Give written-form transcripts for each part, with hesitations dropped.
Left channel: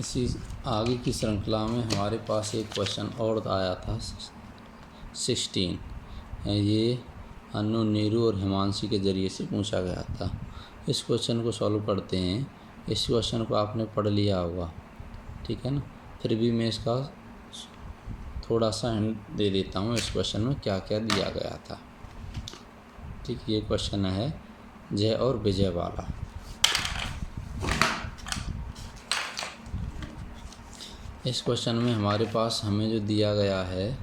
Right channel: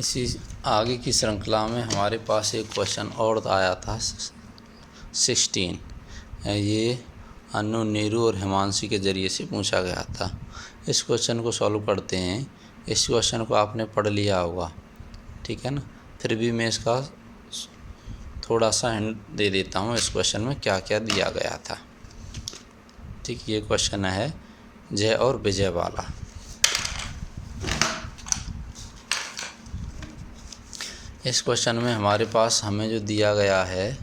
इसी आगे की श्रृंखला में हमारे पास एक क्वेश्चन और आया था 16। ये अनु, नीरू और हिमांशी के ज़रिए से पूछा गया था। इस क्वेश्चन को सॉल्व करते हैं। इस क्वेश्चन को आपने पढ़ लिया होगा, ठीक है ना। फिर भी मैं इसका थोड़ा सा हिंट दे देता हूँ इस क्वेश्चन में क्या क्या दिया गया था। ठीक, ये क्वेश्चन है जय और विजय वाला। इस क्वेश्चन में हमारे पास हमें जो दिया गया है,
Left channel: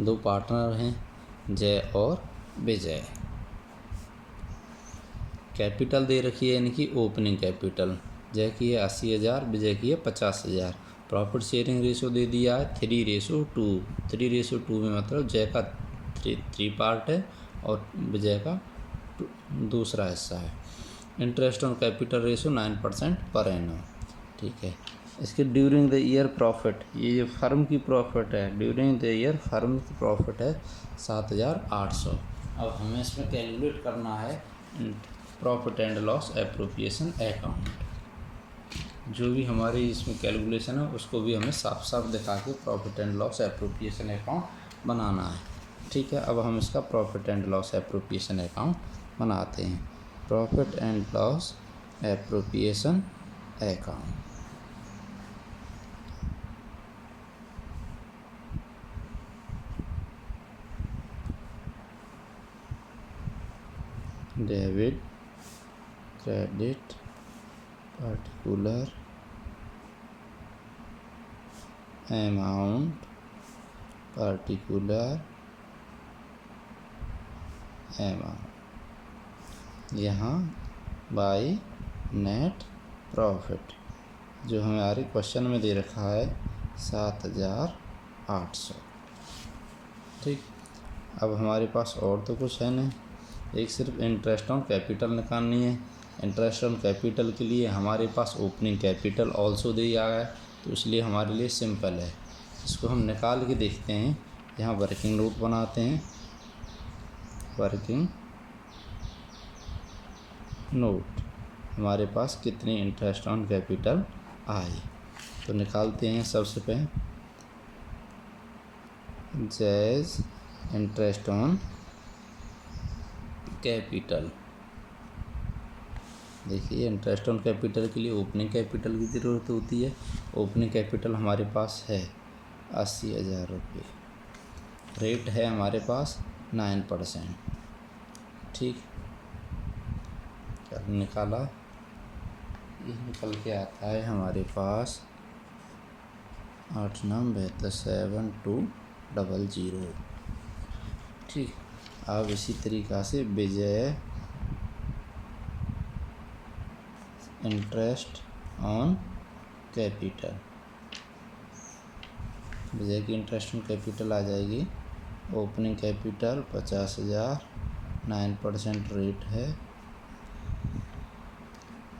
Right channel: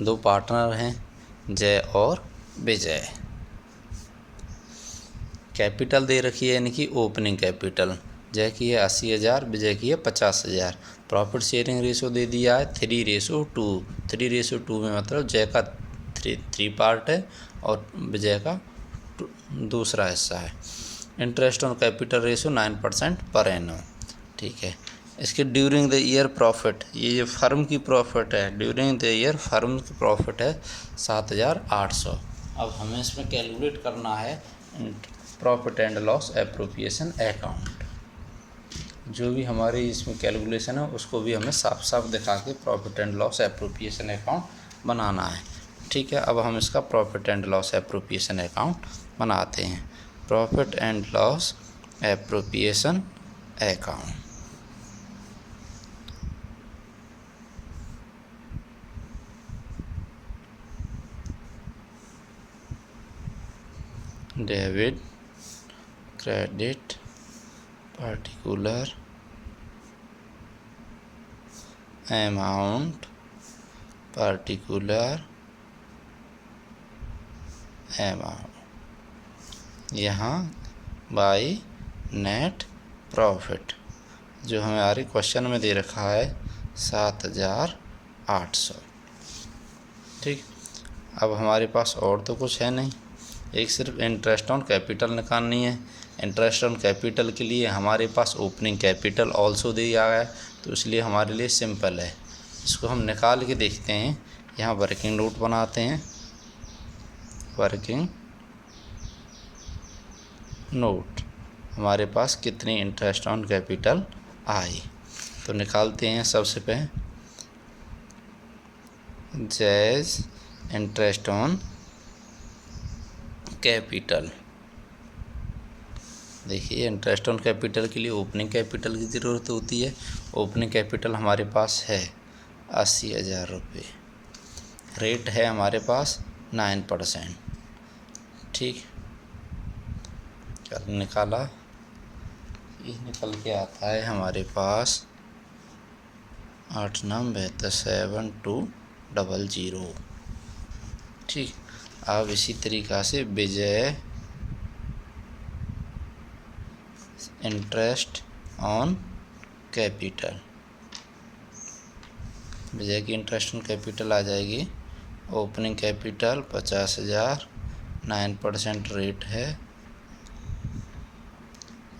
दो पार्टनर हैं जय और विजय। कैपिटल दे रखी है, यानी कि ओपनिंग कैपिटल। जय की है 80,000, विजय की है 50,000। प्रॉफिट शेयरिंग रेशो दे दिया है 3:2। 3:2 में मतलब जय का 3 पार्ट है और विजय का दूसरा हिस्सा है। Interest on capital ratio 9% per annum. ठीक है। इसके ड्यूरिंग द ईयर प्रॉफिट, ये फर्म की प्रॉफिट है। ड्यूरिंग द ईयर फर्म की प्रॉफिट है 7,800। अब हमें इसमें कैलकुलेट करना है profit and loss appropriation account. जो भी हमारी इसमें कैलकुलेशन है उसको भी हमें साफ साफ दिखा के profit and loss appropriation account बनाना है। ठीक है। अब हम इसका profit and loss appropriation account बनाते हैं। Profit and loss appropriation account. Debit, credit, particular amount, particular amount. यहाँ बाय नेट प्रॉफिट जो हमारे क्वेश्चन में दे रखा है 7,800। ठीक। अब हमारे पास और तो कुछ है नहीं, एक सिर्फ इंटरेस्ट ऑन कैपिटल निकालनी है। इंटरेस्ट ऑन कैपिटल के लिए हमारे पास ओपनिंग कैपिटल ऑल्सो दिया गया है, तो इसलिए हमारे लिए सिंपल है। इसको हम निकाल के देखते हैं। यहाँ वर्किंग नोट बनाते हैं। वर्किंग नोट हमारे पास कितनी इंटरेस्ट ऑन कैपिटल आई, तो निकालते हैं। सबसे पहले जैज इंटरेस्ट ऑन कैपिटल। देखिए, इंटरेस्ट ऑन कैपिटल के लिए ओपनिंग कैपिटल की ज़रूरत होती है। ओपनिंग कैपिटल हमारे पास है 80,000 रुपये। रेट है हमारे पास 9%। ठीक, निकाला, ये निकल के आता है हमारे पास 8,9,72,00। ठीक। अब इसी तरीक़ा से विजय इंटरेस्ट ऑन कैपिटल, विजय की इंटरेस्ट ऑन कैपिटल आ जाएगी। ओपनिंग कैपिटल 50,000, 9% रेट है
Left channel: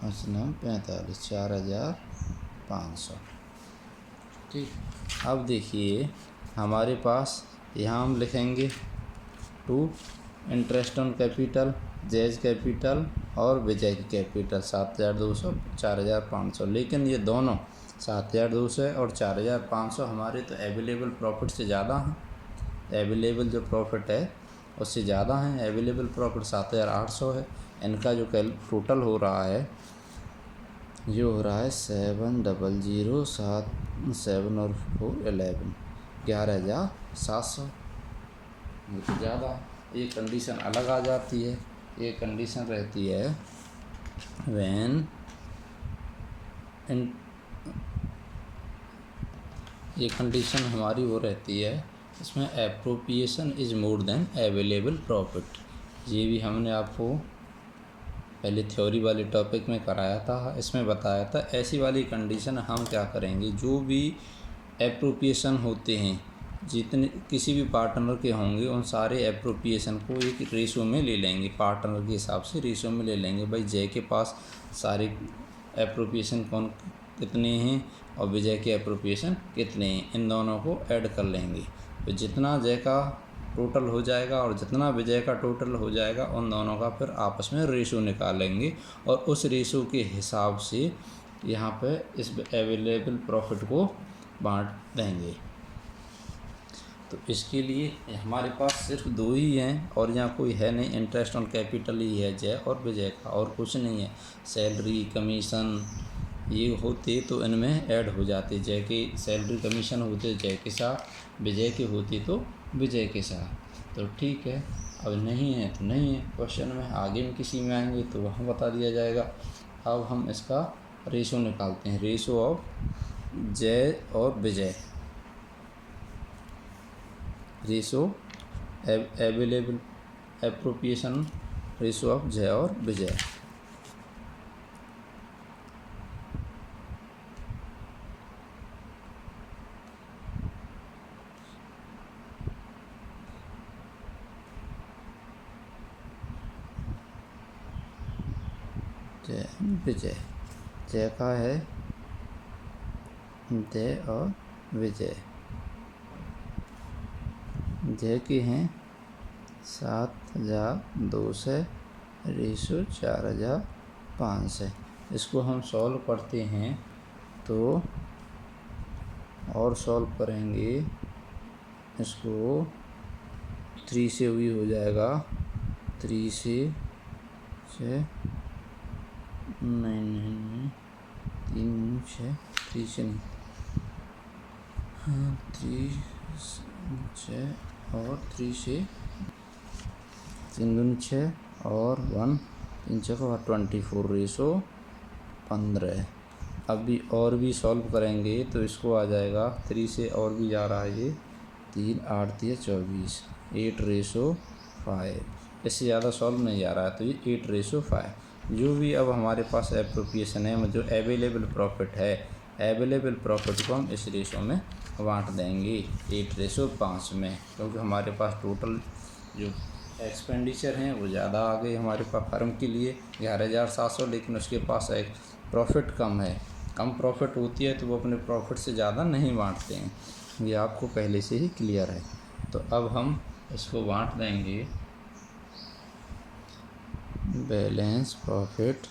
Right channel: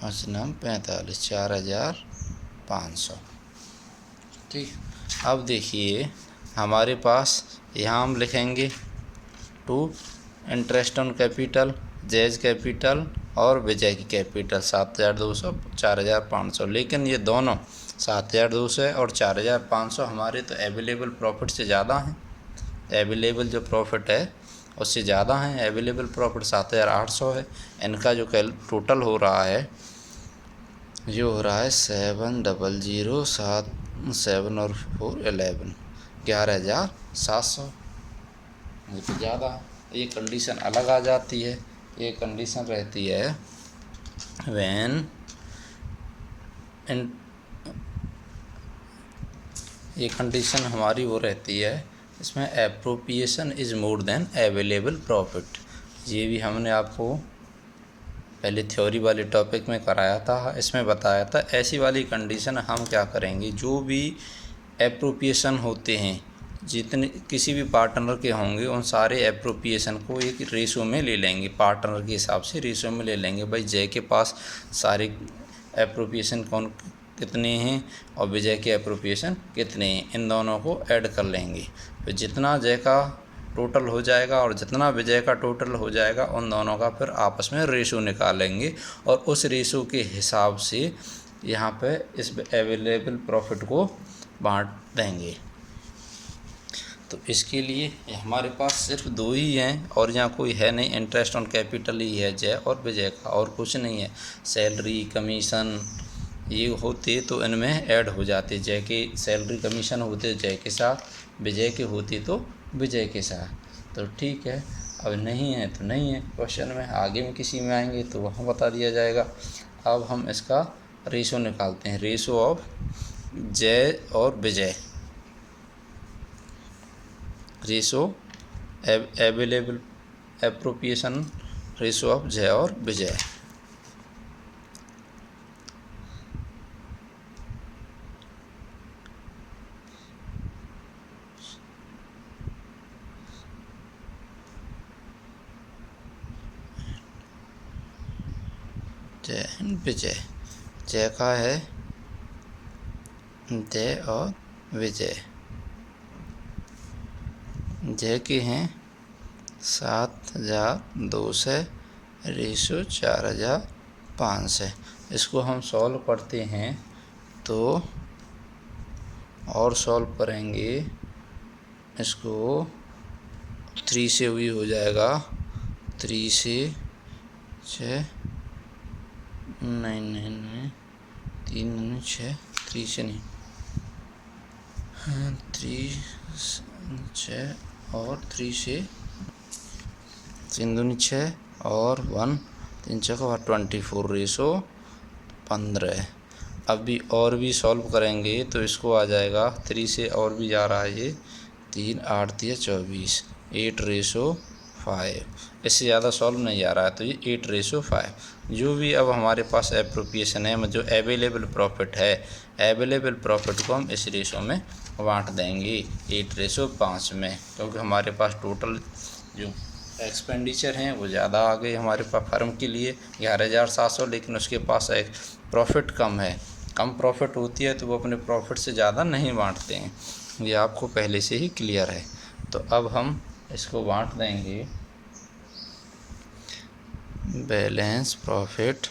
5,45, 4,500। ठीक। अब देखिए हमारे पास यहाँ हम लिखेंगे टू इंटरेस्ट ऑन कैपिटल, जैज कैपिटल और विजय की कैपिटल 7,200, 4,500। लेकिन ये दोनों 7,200 और 4,500 हमारे तो अवेलेबल प्रॉफिट से ज़्यादा हैं। अवेलेबल जो प्रॉफिट है उससे ज़्यादा हैं। अवेलेबल प्रॉफिट 7,800 है। इनका जो टोटल हो रहा है, जो हो रहा है 7,007, 7 और 4 11, 11,700। ये तो ज़्यादा। ये कंडीशन अलग आ जाती है। ये कंडीशन रहती है व्हेन ये कंडीशन हमारी वो रहती है, इसमें appropriation is more than available profit. ये भी हमने आपको पहले थ्योरी वाले टॉपिक में कराया था, इसमें बताया था। ऐसी वाली कंडीशन हम क्या करेंगे, जो भी एप्रोप्रिएशन होते हैं, जितने किसी भी पार्टनर के होंगे, उन सारे एप्रोप्रिएशन को एक रेशो में ले लेंगे। पार्टनर के हिसाब से रेशो में ले लेंगे। भाई जय के पास सारे एप्रोप्रिएशन कितने हैं और विजय के एप्रोप्रिएशन कितने हैं, इन दोनों को ऐड कर लेंगे। तो जितना जय का टोटल हो जाएगा और जितना विजय का टोटल हो जाएगा उन दोनों का फिर आपस में रेशो निकालेंगे और उस रेशो के हिसाब से यहाँ पे इस अवेलेबल प्रॉफिट को बांट देंगे। तो इसके लिए हमारे पास सिर्फ दो ही हैं और यहाँ कोई है नहीं, इंटरेस्ट ऑन कैपिटल ही है जय और विजय का, और कुछ नहीं है। सैलरी कमीशन ये होते तो इनमें ऐड हो जाते, जय के सैलरी कमीशन होते जय के साथ, विजय के होती तो विजय के साथ। तो ठीक है, अब नहीं है तो नहीं है, क्वेश्चन में आगे में किसी में आएंगे तो वहाँ बता दिया जाएगा। अब हम इसका रेशो निकालते हैं, रेशो ऑफ जय और Vijay, ratio available appropriation ratio of Jai और विजय। जय विजय, जय का है जय और विजय, जय के हैं 7,200 रेशो 4,500। इसको हम सॉल्व करते हैं तो और सॉल्व करेंगे इसको 3 से भी हो जाएगा, 3 से 6 नहीं 3 6 3 से नहीं 3 6 और 3 से 3 दूनी 6 और 1 3 6 और 24 रेशो 15। अभी और भी सॉल्व करेंगे तो इसको आ जाएगा 3 से और भी जा रहा है ये 3 8 3 24 8 रेशो 5। इससे ज़्यादा सॉल्व नहीं आ रहा है तो ये 8 रेशो 5। जो भी अब हमारे पास एप्रोप्रिएशन है, जो अवेलेबल प्रॉफिट है, अवेलेबल प्रॉफिट को हम इस रेशो में बांट देंगे 8 रेशो 5 में, क्योंकि हमारे पास टोटल जो एक्सपेंडिचर हैं वो ज़्यादा आ गई हमारे पास फर्म के लिए 11,700, लेकिन उसके पास एक प्रॉफिट कम है, कम प्रॉफिट होती है तो वो अपने प्रॉफिट से ज़्यादा नहीं बांटते हैं, ये आपको पहले से ही क्लियर है। तो अब हम इसको बांट देंगे balance profit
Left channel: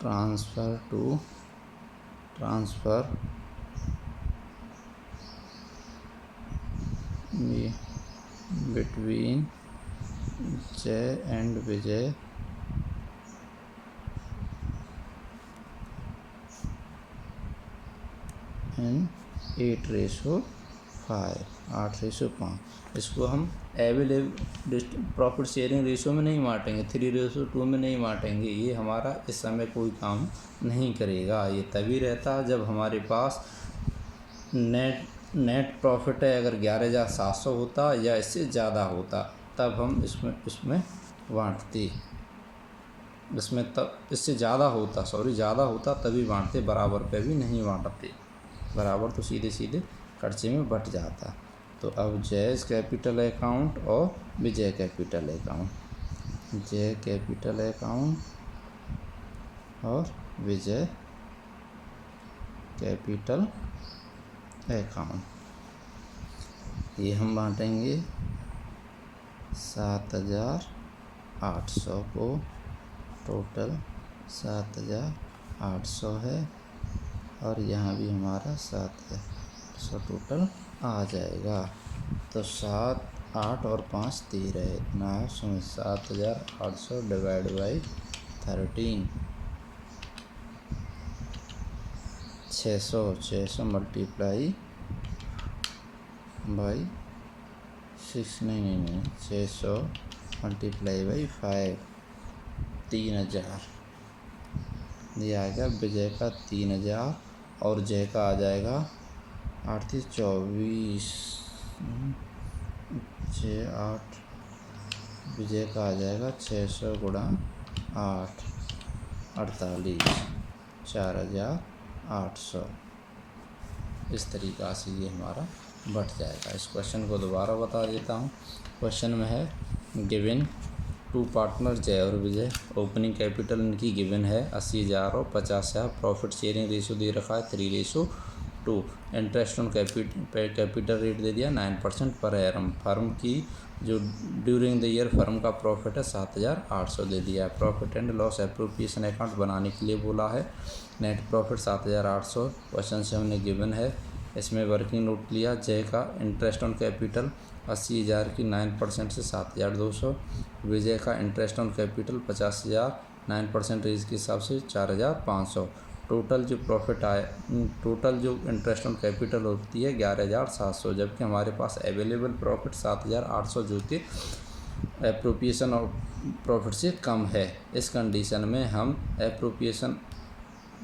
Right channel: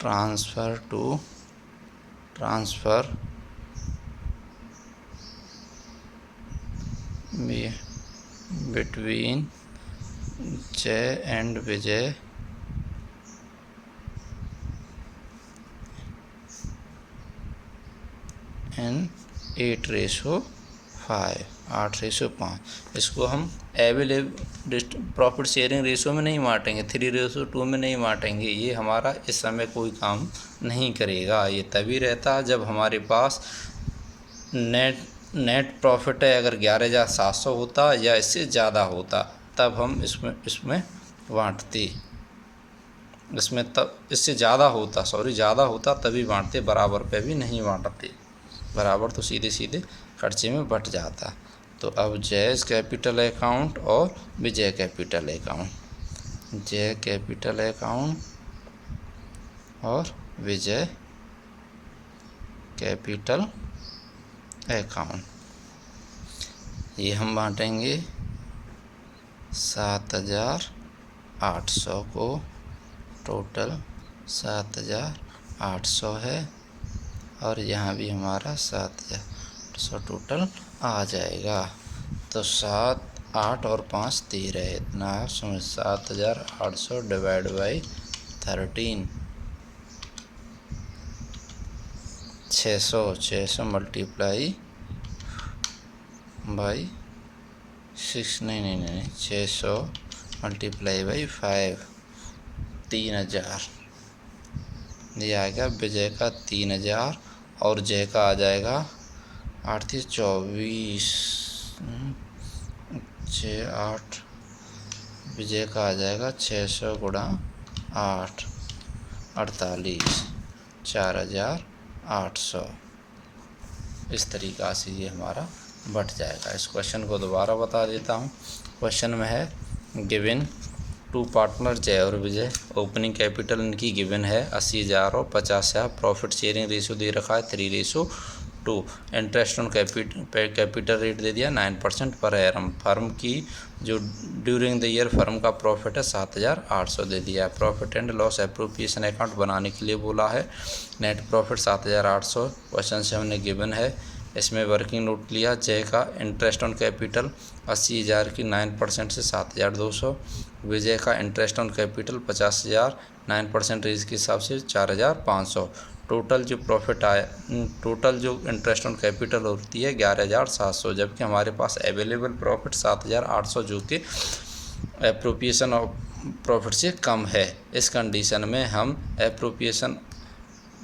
transfer to transfer between Jai and Vijay in 8 ratio 5 8 ratio 5। इसको हम अवेलेबल प्रॉफिट शेयरिंग रेशो में नहीं बांटेंगे, 3 रेशो 2 में नहीं बांटेंगे, ये हमारा इस समय कोई काम नहीं करेगा। ये तभी रहता है जब हमारे पास नेट प्रॉफिट है, अगर 11,700 होता या इससे ज़्यादा होता तब हम इसमें बांटते, इसमें तब इससे ज़्यादा होता ज़्यादा होता तभी बांटते, बराबर पे भी नहीं बांटते, बराबर तो सीधे सीधे खर्चे में बट जाता। तो अब जय कैपिटल अकाउंट और विजय कैपिटल अकाउंट, जय कैपिटल अकाउंट और विजय कैपिटल अकाउंट, ये हम बांटेंगे 7,800 को, टोटल 7,800 है और यहाँ भी हमारा 7,800 टोटल आ जाएगा। तो 7 8 और 5 13 इतना समझ 7,800 डिवाइड बाई 13 600 मल्टीप्लाई बाई 6 नहीं 600 मल्टीप्लाई बाई 5 3,000, ये आएगा विजय का 3,000 और जय का आ जाएगा 8 3 24 6 8, विजय का आ जाएगा 600 गुणा 8 48 4,800। इस तरीक़ा से ये हमारा बट जाएगा। इस क्वेश्चन को दोबारा बता देता हूँ। क्वेश्चन में है गिवन 2 पार्टनर जय और विजय, ओपनिंग कैपिटल इनकी गिवन है 80,000 और 50,000, प्रॉफिट शेयरिंग रेशो दे रखा है 3 ratio to interest on capital rate दे दिया 9% पर एनम। फर्म की जो ड्यूरिंग द ईयर फर्म का प्रॉफिट है 7,800 दे दिया है। Profit and loss appropriation account बनाने के लिए बोला है। नेट प्रॉफिट 7,800 क्वेश्चन से हमने गिवन है। इसमें वर्किंग नोट लिया। जय का इंटरेस्ट ऑन कैपिटल 80,000 की 9% से 7,200। विजय का इंटरेस्ट ऑन कैपिटल 50,000 9% रेज के हिसाब से 4,500। टोटल जो प्रॉफिट आया, टोटल जो इंटरेस्ट ऑन कैपिटल होती है 11,700, जबकि हमारे पास अवेलेबल प्रॉफिट 7,800 जो कि एप्रोप्रिएशन ऑफ प्रॉफिट से कम है। इस कंडीशन में हम एप्रोप्रिएशन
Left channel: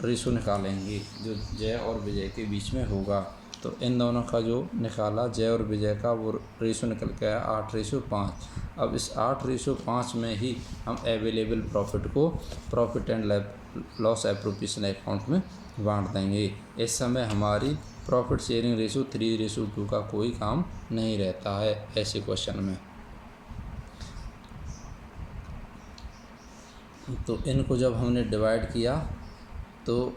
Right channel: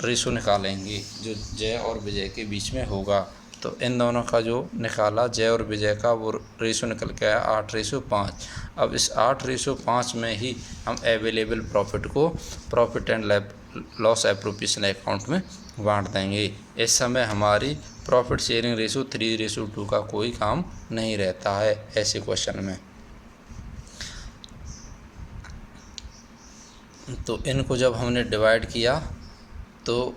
रेशो निकालेंगे जो जय और विजय के बीच में होगा। तो इन दोनों का जो निकाला जय और विजय का वो रेशो निकल के आया 8:5। अब इस 8:5 में ही हम अवेलेबल प्रॉफिट को profit and loss appropriation account में बांट देंगे। इस समय हमारी प्रॉफिट शेयरिंग रेशो 3:2 का कोई काम नहीं रहता है ऐसे क्वेश्चन में। तो इनको जब हमने डिवाइड किया तो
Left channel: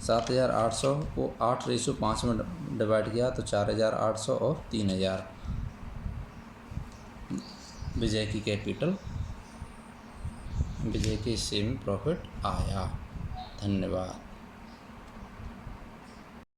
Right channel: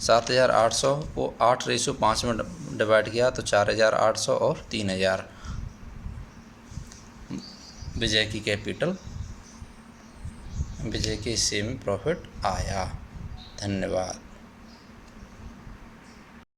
7,800 को 8:5 में डिवाइड किया तो 4,800 और 3,000 विजय की कैपिटल, विजय के हिस्से में प्रॉफिट आया। धन्यवाद।